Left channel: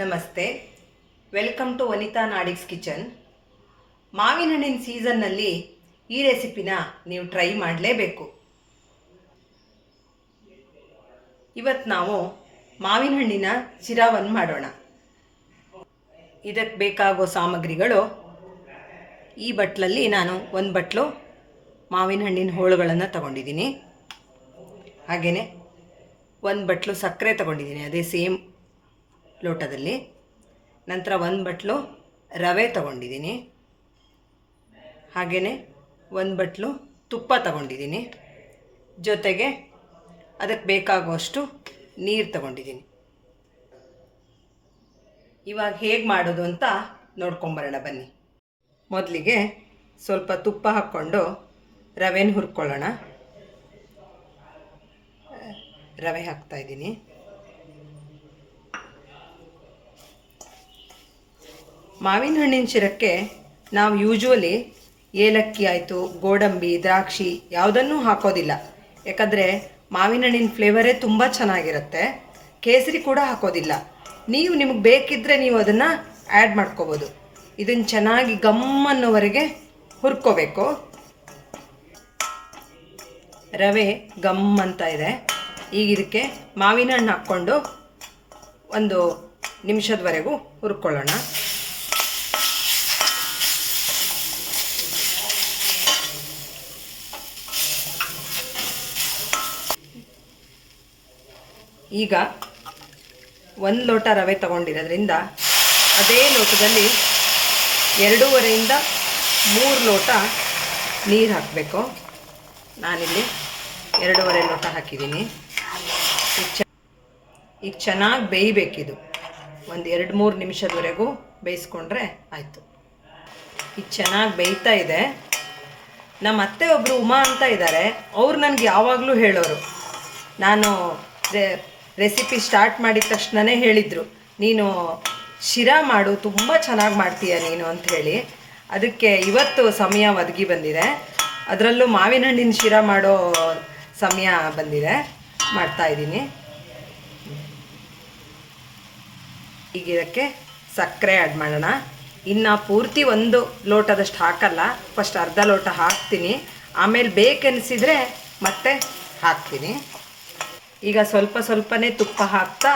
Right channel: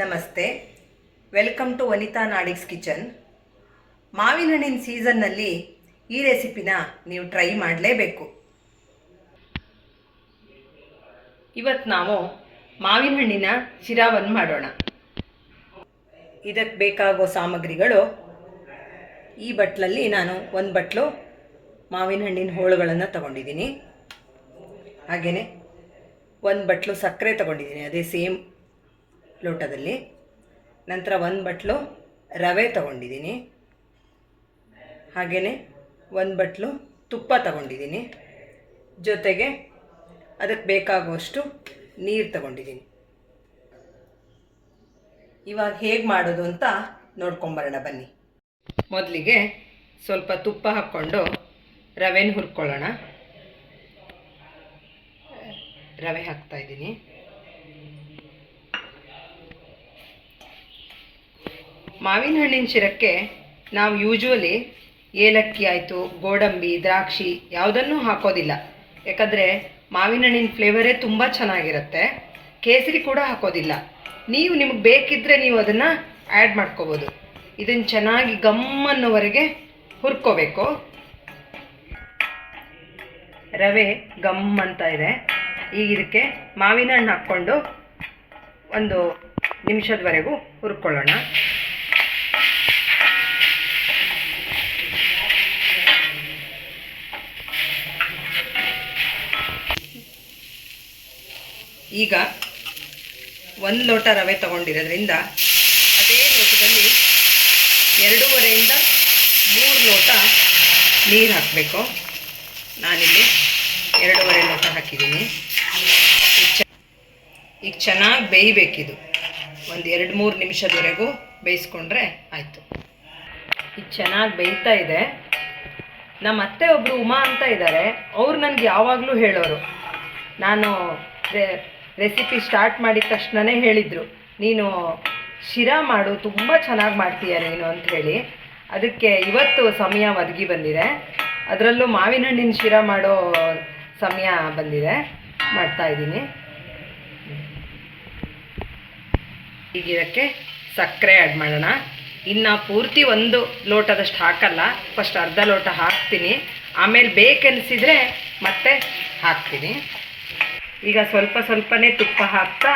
ನಮಸ್ತೆ, welcome to Vanitha ನಾಡಿಗ್ಸ್ kitchen. ಮಾವಿನ ಹಣ್ಣಿನ ಸೀಸನ್ನಲ್ಲಿ ಈ ರೆಸಿಪಿನ ನೀವು ಟ್ರೈ ಮಾಡಲೇಬೇಕು. ಇವತ್ತು ನಾವು ಮಾವಿನ ಹಣ್ಣಿನ ಶಿರಾವನ್ನು ಮಾಡೋಣ. ಇದಕ್ಕೆ ಬೇಕಾಗೋ ಸಾಮಗ್ರಿಗಳು, ಈ ಬಟ್ಲಲ್ಲಿ ನಾನು ಒಂದು ಬಟ್ಲು ಮಾವಿನ ಹಣ್ಣಿನ ಹೋಳುಗಳನ್ನು ತಗೊಂಡಿದ್ದೀನಿ. ಹಾಗೆಯೇ ಒಂದು ಬಟ್ಲು ಸಕ್ಕರೆ ತಗೊಂಡಿದ್ದೀನಿ, ಅದೇ ಸೇಮ್ ಲೋಟದಲ್ಲಿ. ನಂತರ ಒಂದು ಬಟ್ಲು ರವೆ ತಗೊಂಡಿದ್ದೀನಿ. ಹಾಗೆಯೇ ಒಂದು ಬಟ್ಲು ತುಪ್ಪ ತಗೊಂಡಿದ್ದೀನಿ. ಜೊತೆಗೆ ಅದಕ್ಕೆ ಬೇಕಾಗುವಷ್ಟು ನೀರು ತಗೊಂಡಿದ್ದೀನಿ. ಇವಾಗ ಹೇಗೆ ಮಾಡೋದು ಅಂತ ನೋಡ್ಕೊಂಬರೋಣ ಬನ್ನಿ. ಮೊದಲಿಗೆ ಸ್ವಲ್ಪ ತುಪ್ಪ ಹಾಕ್ಕೊಂಡು ರವೆನ ಹುರ್ಕೊಳ್ಳೋಣ. ರವೆ ಹಾಕ್ತಾಯಿದ್ದೀನಿ. ಮಾವಿನ ಹಣ್ಣಿನ ಶಿರಕ್ಕೆ ನಾವು ಯೂಶ್ವಲಿ ಏಲಕ್ಕಿ ಆಯಿತು, ಗೋಡಂಬಿ, ದ್ರಾಕ್ಷಿ ಯಾವುದನ್ನೂ ಹಾಕೋದಿಲ್ಲ. ಯಾಕಂದರೆ ಮಾವಿನ ಹಣ್ಣಿನ ಫ್ಲೇವರೇ ತುಂಬ ಚೆನ್ನಾಗಿರುತ್ತೆ. ಕೇಸರಿ ಕೂಡ ಹಾಕೋದಿಲ್ಲ. ನಿಮಗೆ ಬೇಕಿದ್ದರೆ ನೀವು ಅದನ್ನು ಆ್ಯಡ್ ಮಾಡ್ಕೋಬೋದು. ಇದನ್ನು ಚೆನ್ನಾಗಿ ಗಮ್ಮನ್ನೋವರೆಗೆ ಹುರ್ಕೋಬೇಕು. ರವೆ ಗಮ್ ಅಂತ ಇದೆ. ಈಗ ಇದಕ್ಕೆ ಮಾವಿನ ಹಣ್ಣು ಹಾಕ್ಕೊಂಡು ಒಂದು ನಿಮಿಷದವರೆಗೂ ಹುರ್ಕೊಳ್ಳೋಣ. ಈಗ ಒಂದು ಲೋಟ ರವೆ ತಗೊಂಡಿರೋದ್ರಿಂದ ಅದೇ ಲೋಟದಲ್ಲಿ 2.5 ಇಂದ 3 ಲೋಟ ನೀರು ಹಾಕಬೇಕು. ನಾನಿಲ್ಲಿ 2.5 ಲೋಟ ಹಾಕಿದ್ದೀನಿ. ಈಗ ಚೆನ್ನಾಗಿ ಬೇಯಬೇಕಿದು. ಒಂದು 2-3 ನಿಮಿಷದವರೆಗೂ ಬೇಯಿಸ್ಕೊಂಡ್ರೆ ಆಯಿತು. ಈಗ ಚೆನ್ನಾಗಿ ಬೇಯ್ತಾ ಇದೆ. ನಮ್ಮ ಅತ್ತೆ ಒಬ್ಬರು ಉಮಾ ಅಂತ ಇದ್ದಾರೆ. ಅವ್ರು ನನಗೆ ಯಾವಾಗಲೂ ಹೇಳೋರು, ನಾನು ರೆಸಿಪಿ ಸ್ಟಾರ್ಟ್ ಮಾಡಿದ ತಕ್ಷಣವೇ ಹೇಳಿದರು, ನೀನು ಶಿರಾ ಮಾಡು, ತುಂಬ ಚೆನ್ನಾಗಿ ಮಾಡ್ತೀಯ ನೀನು ಅಂತ ಹೇಳಿ. ಅದಕ್ಕೆ ಇವತ್ತು ಸಮಯ ಒದಗಿ ಬಂದಿದೆ. ಅದರಲ್ಲೂ ಮಾವಿನ ಹಣ್ಣಿನ ಶಿರಾ ಮಾಡೋ ಸಮಯ ಬಂದಿದೆ, ಮಾಡ್ತಾಯಿದ್ದೀನಿ. ಈಗ ಇದಕ್ಕೆ ಸಕ್ಕರೆ ಆ್ಯಡ್ ಮಾಡೋಣ. ಇನ್ನು ಪೂರ್ತಿ 1 ಲೋಟದಷ್ಟು ಹಾಕಲ್ಲ, ಫಸ್ಟ್ ಅರ್ಧ ಲೋಟ ಹಾಕ್ತೀನಿ, ಆಮೇಲೆ ಬೇಕೆನಿಸಿದರೆ ಮತ್ತೆ ಹಾಕ್ತೀನಿ. ಈಗ ಸ್ವಲ್ಪನೇ ತುಪ್ಪ ಹಾಕ್ತಾ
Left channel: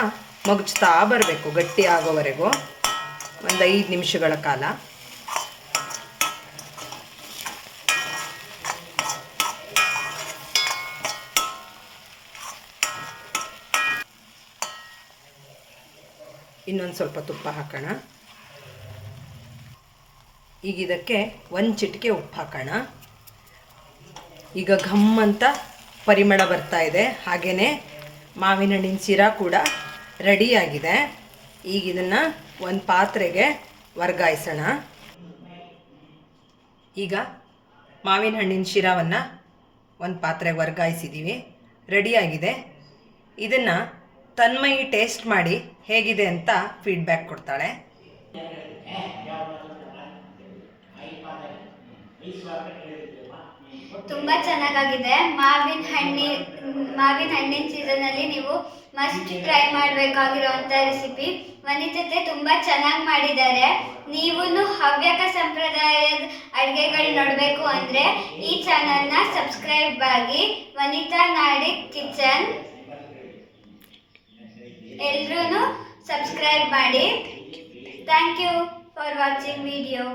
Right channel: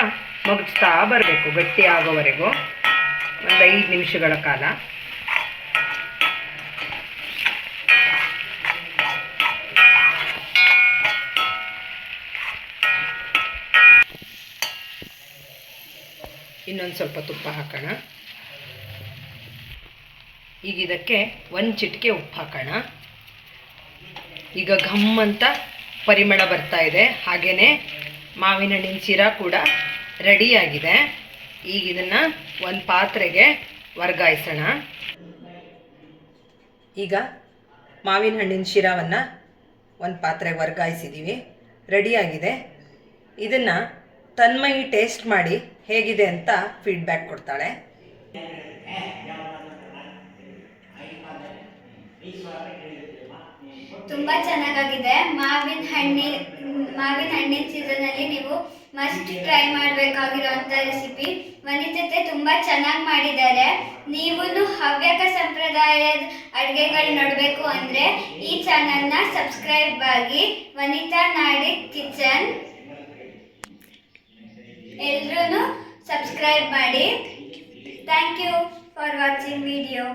ಮಗುಚ್ತಾ ಬರಬೇಕು, ಗಟ್ಟಿ ಆಗೋವರೆಗೂ ಒಂದು 5 ನಿಮಿಷಗಳ ಕಾಲ. ಇನ್ನೊಂದು ಸ್ವಲ್ಪ ತುಪ್ಪ ಹಾಕೋಣ. ಈಗ ಇದಕ್ಕೆ 1 ಚಿಟಿಕೆ ಉಪ್ಪು ಹಾಕೋಣ. ಈಗ ಘಮ್ ಅಂತ ಪರಿಮಳ ಬರ್ತಾ ಇದೆ. ಹಾಗೆಯೇ ಮಾವಿನ ಹಣ್ಣಿನ ಶಿರಾ ಕೂಡ ರೆಡಿಯಾಗಿದೆ. ಈಗ ಇದನ್ನು ಒಂದು ಪಾತ್ರೆಗೆ ವರ್ಗಾಯಿಸೋಣ. ಈಗ ಮಾವಿನ ಹಣ್ಣಿನ ಶಿರಾವನ್ನು ಒಂದು ಪಾತ್ರೆಗೆ ವರ್ಗಾಯಿಸಿದ್ದೀವಿ, ರೆಡಿಯಾಗಿದೆ. ಇದನ್ನು ತನ್ಮಯಿ ಟೇಸ್ಟ್ ಮಾಡಿ ಹೇಗಿದೆ ಅಂತ ಫೀಡ್ಬ್ಯಾಕ್ ಕೊಡ್ತಾಳೆ. ತುಂಬ ಚೆನ್ನಾಗಿದೆ. ಮಾವಿನ ಹಣ್ಣಿನ ಸೀಸನಲ್ಲಿ ನೀವು ಮಸ್ಟ್ ಟ್ರೈ ಮಾಡಬೇಕಾಗಿರುವಂಥ ರೆಸಿಪಿ. ವನಿತೆ ತುಂಬ ಚೆನ್ನಾಗಿ ಮಾಡಿದ್ದಾರೆ. ನೀವು ಹವ್ಯಕ ಸಂಪ್ರದಾಯದ ಅಡುಗೆಗಳು ನೋಡಬೇಕು ಅಂದರೆ ಈ ಚಾನಲ್ನ ಸಬ್ಸ್ಕ್ರೈಬ್ ಆಗಿ, ವನಿತಾ ನಾಡಿಗ್ ಕಿಚನ್. ಎಲ್ಲರೂ ಸಬ್ಸ್ಕ್ರೈಬ್ ಮಾಡಿ. Thank you for watching video.